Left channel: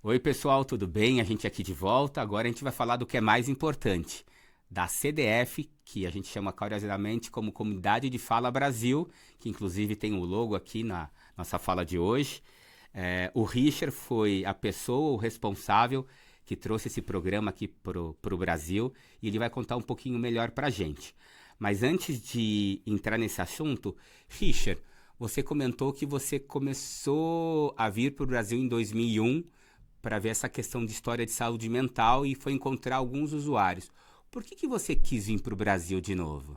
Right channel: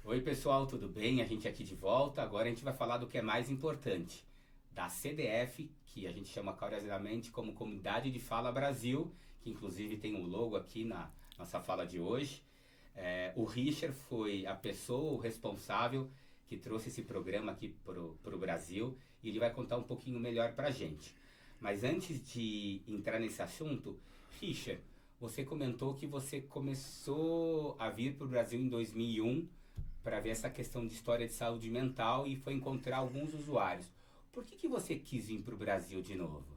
Oi, pessoal, tudo bem? A gente aqui de volta. Agora a gente vai falar do que é mais importante, da CDF, que a gente chama carinhosamente como Comunidade de Fala Brasil, que inclusive tem o logo aqui na nossa fala de hoje. O Richard foi a pessoa, o responsável que trouxe esse programa aqui pro Brasil e ele vai contar um pouquinho melhor pra gente. Mas antes de entrar nesse assunto, Richard, você comentou que você começou a vir para o Brasil em 2001 para ver essa questão de história de saúde mental e foi encontrar alguns usuários. Por que você quis vir para o Brasil de novo?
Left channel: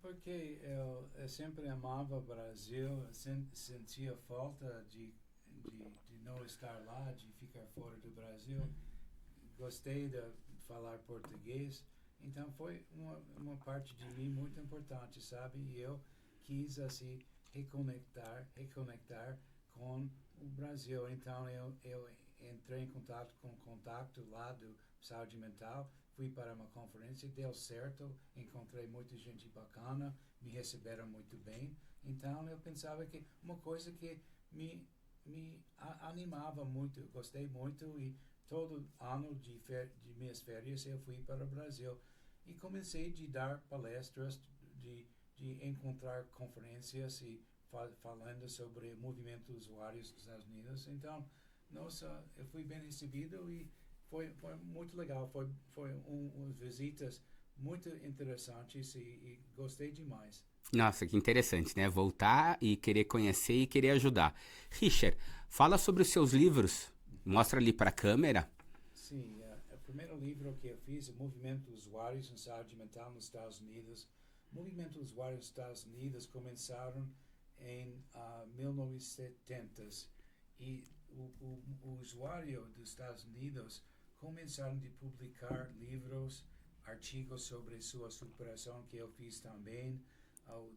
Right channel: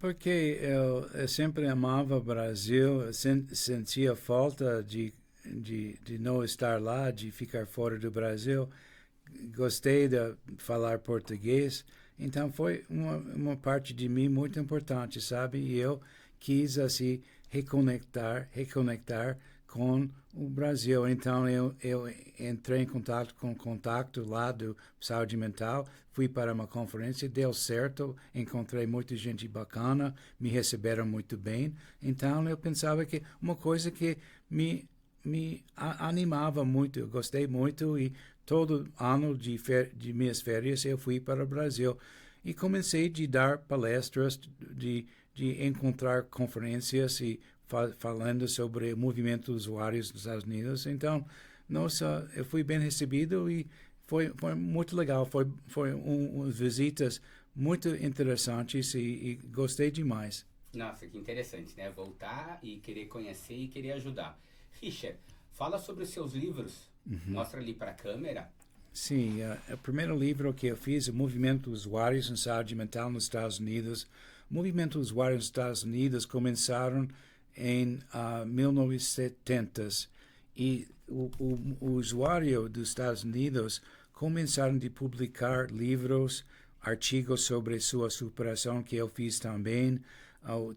Porque eu sempre amava o Brasil, sentia falta de não estar lá, de ficar fora do Brasil. Gostei de falar português, então foi uma parte de mim muito importante, sabe? E eu quis, assim, reconectar com o Brasil. Então eu entrei em contato lá do saúde mental, fui para uma conferência, deu certo, encontrei muita gente bacana, me receberam muito bem. Então eu pensava que uma coisa que me animava muito, eu gostei muito e todo ano de minhas férias eu fui para o Brasil e comecei a dar palestras, de encontrar conferências e falando sobre o movimento dos usuários dos Estados Unidos. Então, nossa, eu fui bem recebido e foi muito legal. Foi umas visitas muito interessantes e gostei demais. Nossa, que interessante, né? Voltar e querer conhecer e querer ajudar. Richard, fala sobre os seus livros. Mostra ali para a câmera. Sim, o primeiro livro que eu fiz, o Movimento dos Usuários em Saúde Mental nos Estados Unidos. O Movimento dos Usuários nos Estados Unidos começaram em 1970 e o usuário dos Estados Unidos começaram a publicar livros, artigos sobre sua superação que eu fiz também.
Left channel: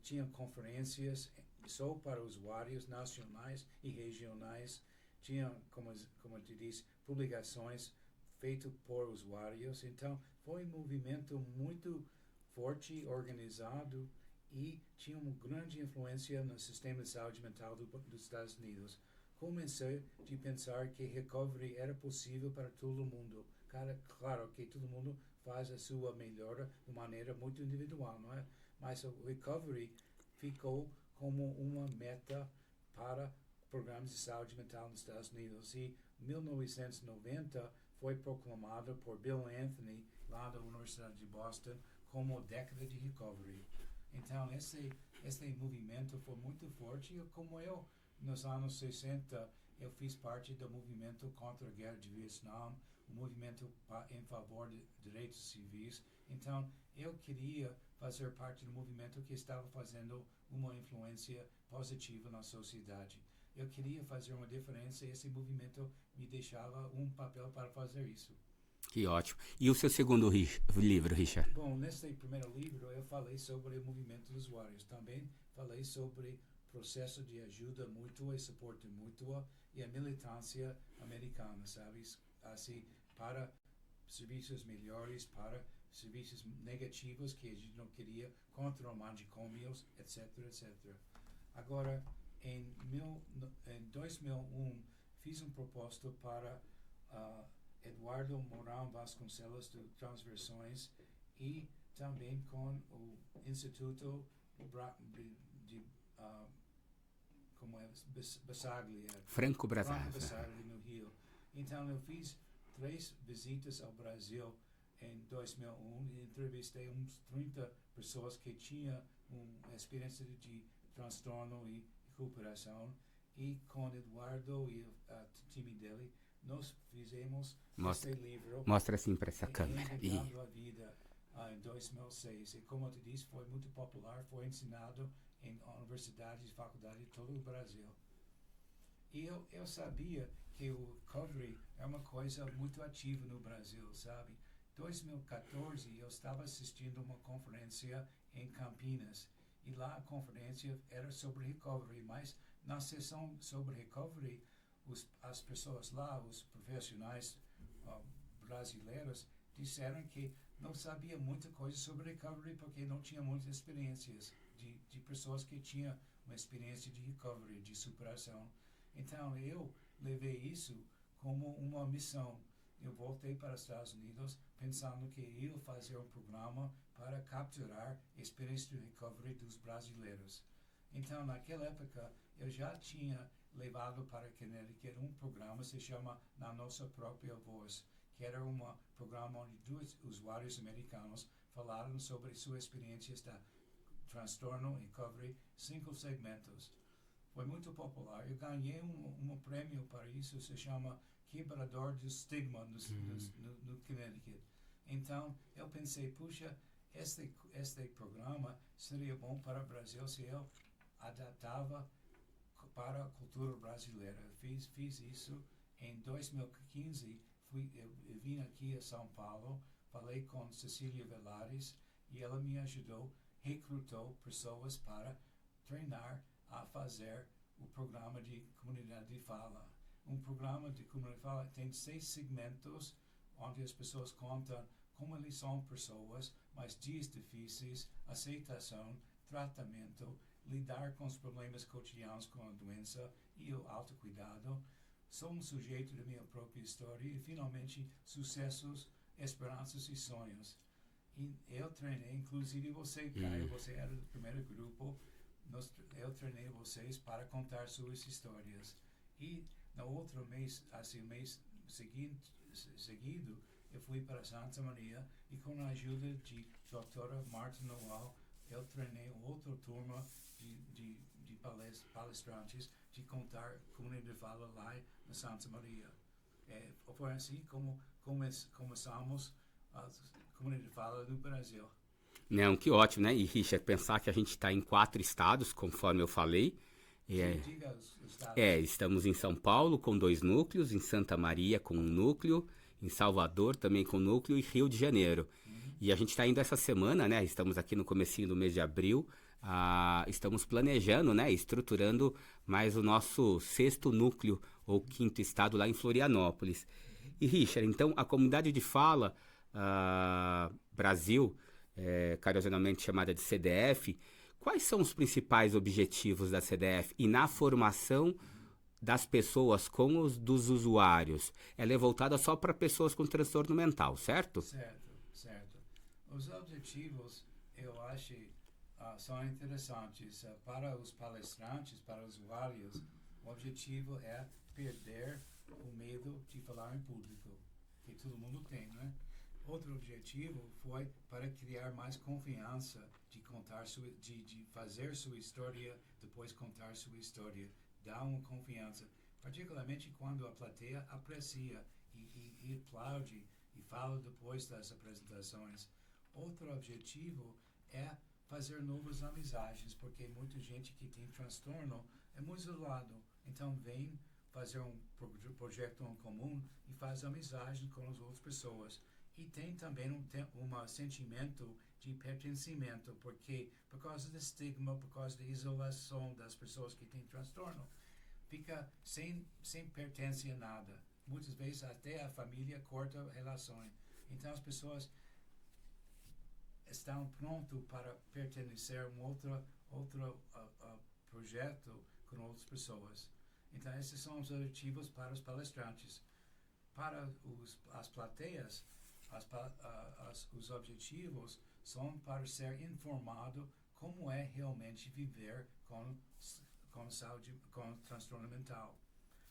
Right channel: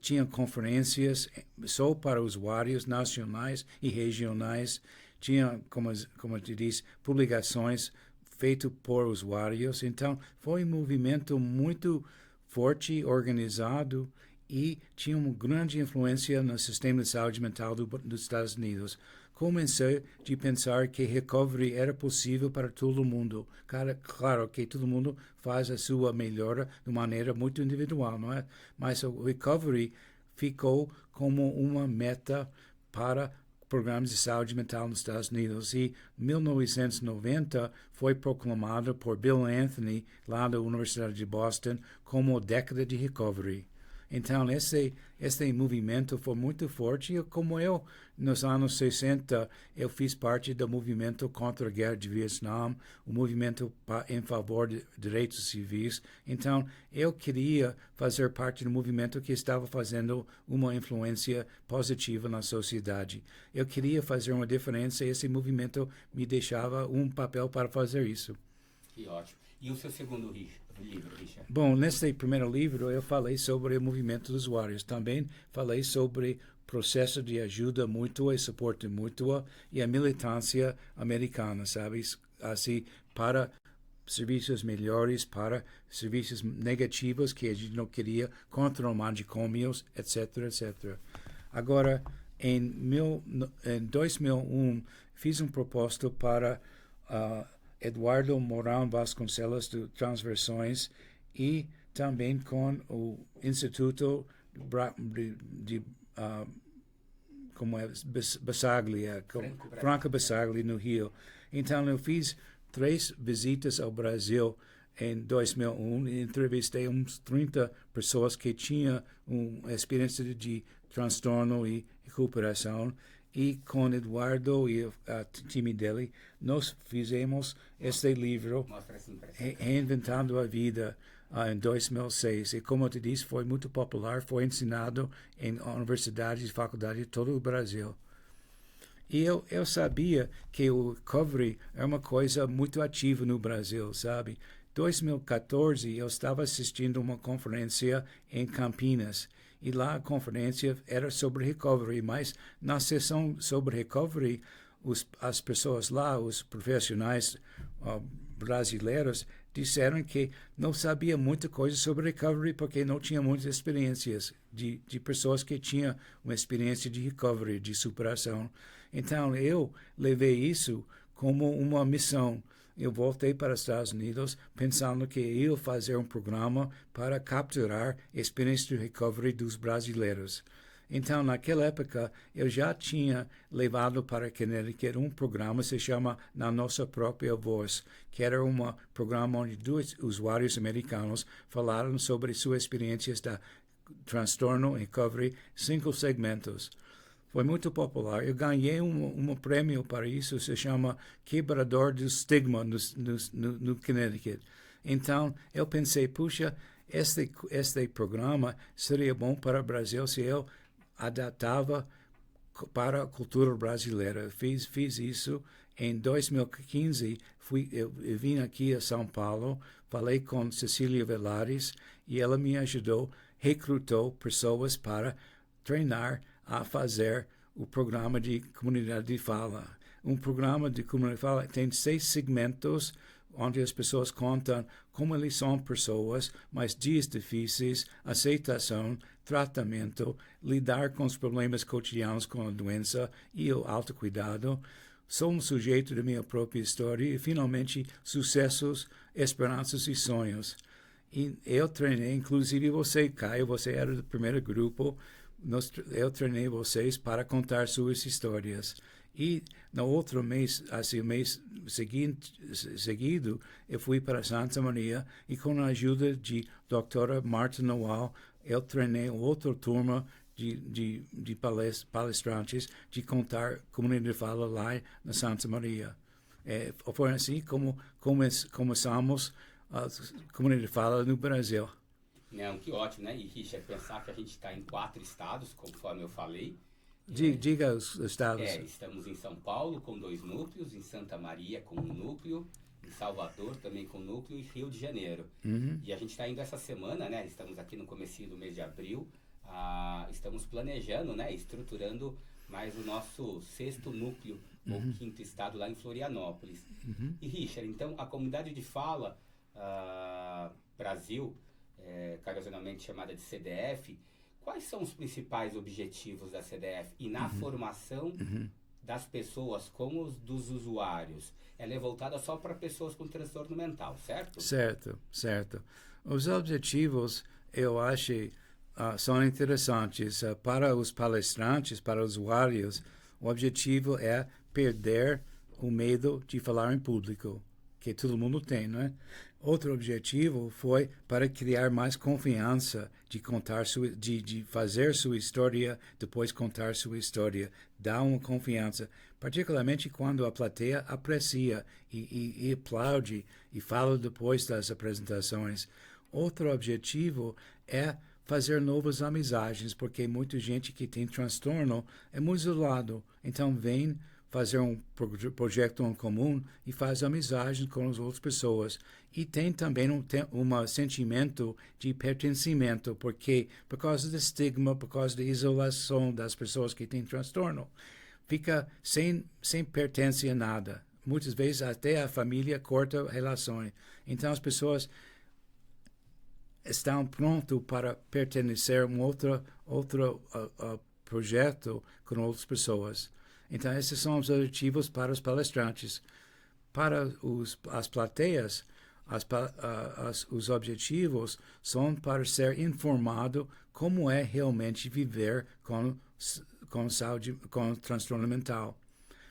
Tinha conferências só para usuários nacionais e regionais. Tinha, como te disse, publicações feitas por usuários. Então, foi um movimento muito forte, organizado e tinha uma grande influência no sistema de saúde mental dos Estados Unidos. Comecei a pensar que recovery era possível para todo mundo. Claro que todo mundo faz a sua melhora de maneira muito individual, não é? Mas o recovery ficou como uma meta para programas de saúde mental nos Estados Unidos. E 1990 foi proclamado por Bill Anthony, lá da Universidade de Boston, como década de recovery. Então, esse movimento foi muito forte. E como eu, nos anos 60, eu fiz parte do movimento contra a guerra de Vietnã, o movimento em favor de direitos civis. Então, eu queria fazer parte do movimento que estava fazendo uma influência positiva na sociedade. Eu queria fazer uma diferença e esse movimento me deixava um papel para fazer isso. Que ótimo. E o seu segundo livro, Richard? Bom, nesse primeiro livro eu falei sobre o movimento dos usuários. Também falei sobre processo de ajuda mútua e suporte mútuo e a militância americana, sabe? Assim, para serviços melhores, para serviços negativos que a gente não queria, contra manicômios, etc, etc. Agora, em 2001, fiz um proposto para uh, Eduardo Mourão Vasconcelos de Transversões e também com o Instituto de como é, Bassaglia, Franco Franca Basaglia. Bassaglia, no Rio. Então, eu fiz 3 visitas ao Brasil em 2001 e entrevistei uns 30 pessoas que tinham uma experiência de transtorno e recuperação. E com Eduardo e o time dele, nós fizemos Mostra, este livro, mostra assim para essa câmera. Reinventando a Vida, em 2006. E como eu te disse, foi muito popular, foi ensinado em universidades e faculdades de todo o Brasil. E eu sabia que o recovery é uma coisa muito ativa no Brasil, sabe? Em 2014, eu estava assistindo uma conferência em Campinas. E lá a conferência era sobre recovery, mas na sessão sobre recovery, as pessoas lá, os profissionais brasileiros, disseram que não sabia muita coisa sobre recovery porque não tinha muitas experiências de pessoas que tinham uma experiência de recovery, de superação. Então eu levei isso como uma missão. Eu voltei para os Estados Unidos pensando que ia fazer um programa para capturar a experiência de recovery dos brasileiros. Então, naquela época, eu já tinha levado para Connecticut um programa que se chama Na Nossa Própria Voz, que era um programa onde 2 usuários americanos falaram sobre suas experiências da transtorno recovery, 5 segmentos. Foi muito popular. Eu ganhei um prêmio para isso, se chama Quebrador do Estigma no Connecticut. Então, eu pensei, puxa, este programa seria bom para o Brasil se eu adaptava para a cultura brasileira. Fiz isso em 2015. Eu vim aqui a São Paulo, falei com Cecília Velares e ela me ajudou, recrutou pessoas para treinar a fazer o programa de comunidade de fala. Um programa de comunidade de fala tem 6 segmentos, onde as pessoas contam como eles são pessoas, mas dias difíceis, aceitação, tratamento, lidar com os problemas cotidianos com a doença e o autocuidado. Sou um sujeito da minha própria história e, finalmente, sucessos, esperanças e sonhos. E eu treinei, inclusive você, Caio, você era do primeiro grupo, eu treinei vocês para contar suas histórias. E no outro mês, assim, o mês seguido, eu fui para Santa Maria e com a ajuda de doutora Marta Noal, eu treinei outra turma de palestrantes de contar comunidade de fala lá na Santa Maria. Foi assim como começamos a comunidade de fala no Brasil. Não, que ótimo, né? E, Richard, pensar que a gente está em 4 estados, conforme eu falei. Diga os estados. Estamos em São Paulo com 2 núcleos, em Santa Maria com 1 núcleo, em Salvador também com 1 núcleo e Rio de Janeiro. E a gente está indo essa semana, né? Estamos aqui no comecinho do mês de abril, estamos planejando, né? Estruturando mais o nosso 6º núcleo ou 5º estado lá em Florianópolis. E, Richard, então a comunidade de fala Brasil, carinhosamente chamada de CDF, quais são os principais objetivos da CDF e na formação das pessoas com os dos usuários? Ela é voltada só para pessoas com transtorno mental, certo? Certo. Os objetivos, eu acho, são interessantes. Para os palestrantes, para os usuários, o objetivo é perder o medo de falar em público, que todo mundo tem, não é? Outro objetivo foi para criar mais confiança de contar de fazer sua história, depois contar sua história, dar uma confiança, particularmente quando a plateia aprecia e aplaude e fala depois das apresentações. Outro objetivo é fazer novas amizades, porque muita gente que tem transtorno é muito isolado, então vem fazer um projeto em comum e faz amizade com as outras pessoas. E tem também um sentimento de pertencimento, porque por causa do estigma, por causa da isolação das pessoas que têm transtorno, fica sem pertence a nada. Muitas vezes até a família corta relações. Então as pessoas estão prontas para pertencer a um outro projeto com outras pessoas. Então, esses são os objetivos para os palestrantes. Para as plateias, os objetivos são para ser informado como é realmente viver com saúde, com transtorno mental.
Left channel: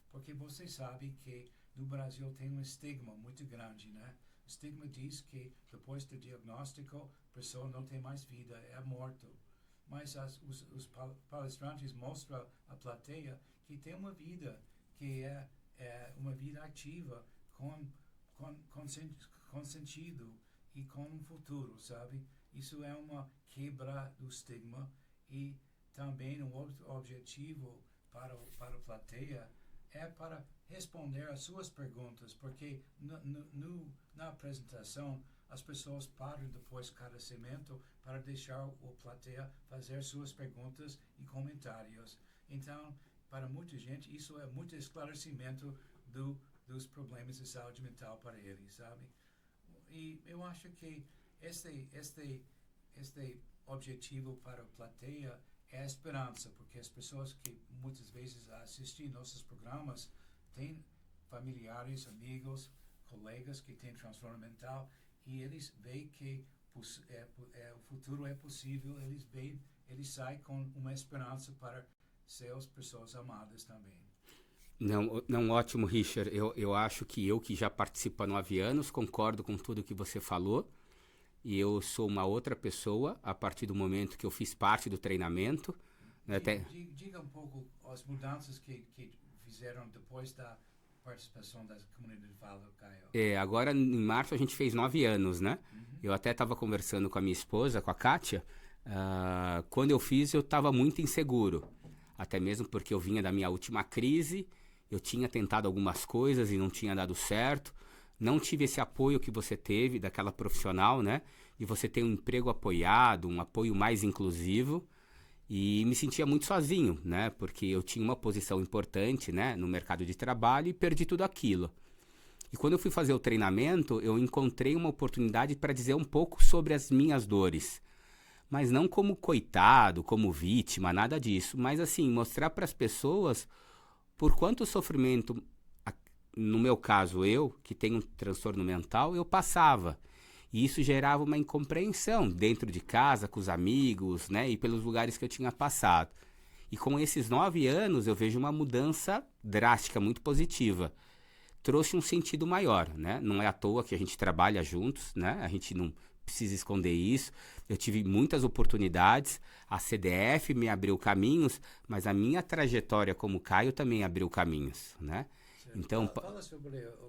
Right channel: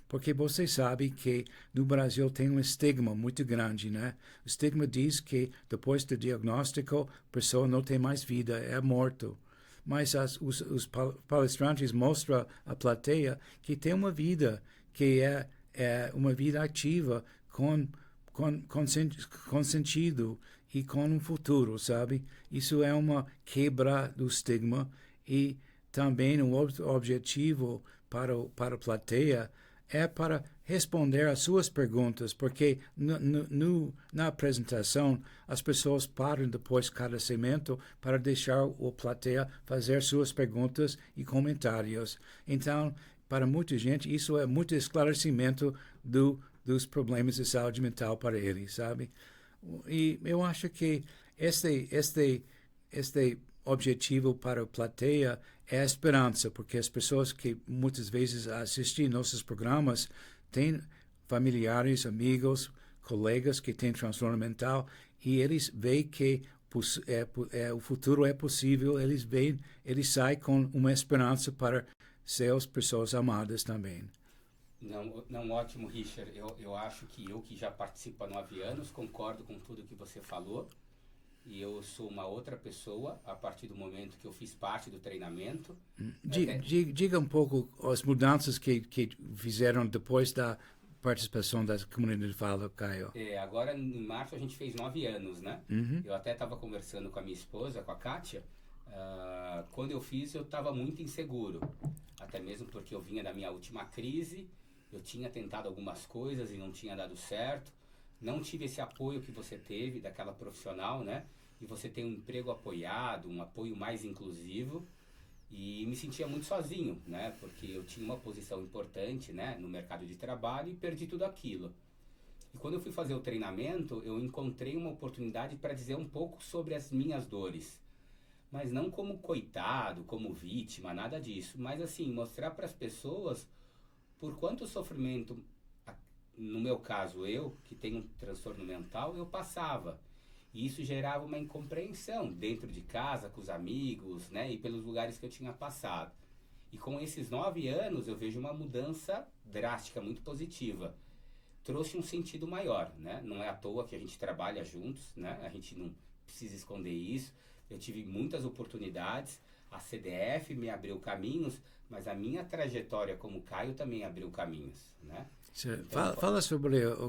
Porque você sabe que no Brasil tem um estigma muito grande, né? O estigma diz que depois do diagnóstico, a pessoa não tem mais vida, é morto. Mas os palestrantes mostram à plateia que tem uma vida, que é uma vida ativa, com sentido e com um futuro, sabe? Isso é uma quebra do estigma e também um outro objetivo para a plateia é para responder às suas perguntas, porque na apresentação as pessoas param depois de cada segmento para deixar o plateia fazer suas perguntas e comentários. Então, para muita gente, isso é muito esclarecimento dos problemas de saúde mental para eles, sabe? E eu acho que este objetivo para a plateia é a esperança, porque as pessoas que muitas vezes assistem nossos programas têm familiares, amigos, colegas que têm transtorno mental e eles veem que o futuro é possível, eles saem com uma esperança para seus pessoas amadas também. Não, ótimo, Richard. Eu acho que que já participo há 9 anos, concordo com tudo que você falou. E eu sou uma outra pessoa a partir do momento que eu fiz parte do treinamento. Diga um pouco as mudanças que fizeram depois da participação da comunidade Fala, Caio. Agora em março a gente fez 9 anos, né? Eu até estava conversando com a minha esposa, com a Kátia. Quando eu fiz, eu estava muito inseguro. Até mesmo porque eu vinha da minha última crise. Eu tinha tentado algumas coisas e não tinha dado certo. Não tive esse apoio que você teve daquela profissional, né? E você tem um emprego apoiado, um apoio mais inclusivo. E me sentia muito sozinho, né? Porque eu tinha uma posição importante, né? No mercado de trabalho e perdi tudo aquilo. E quando eu fui fazer o treinamento, eu encontrei uma oportunidade para dizer um pouco sobre as minhas dores. Mas não como coitado, como vítima, nada disso. Mas assim, mostrar para as pessoas por quanto sofrimento, no meu caso eu, que tenho um transtorno mental, eu passava. E isso gerava uma incompreensão dentro de casa, com os amigos, né? E pelos lugares que eu tinha passado. E com esses 9 anos eu vejo uma mudança drástica, muito positiva. Trouxe um sentido maior, né? Não é à toa que a gente trabalha juntos, né? A gente não precisa esconder isso. Eu tive muitas oportunidades, a CDF me abriu caminhos, mas a minha trajetória como Caio também abriu caminhos, né? Então, fala sobre o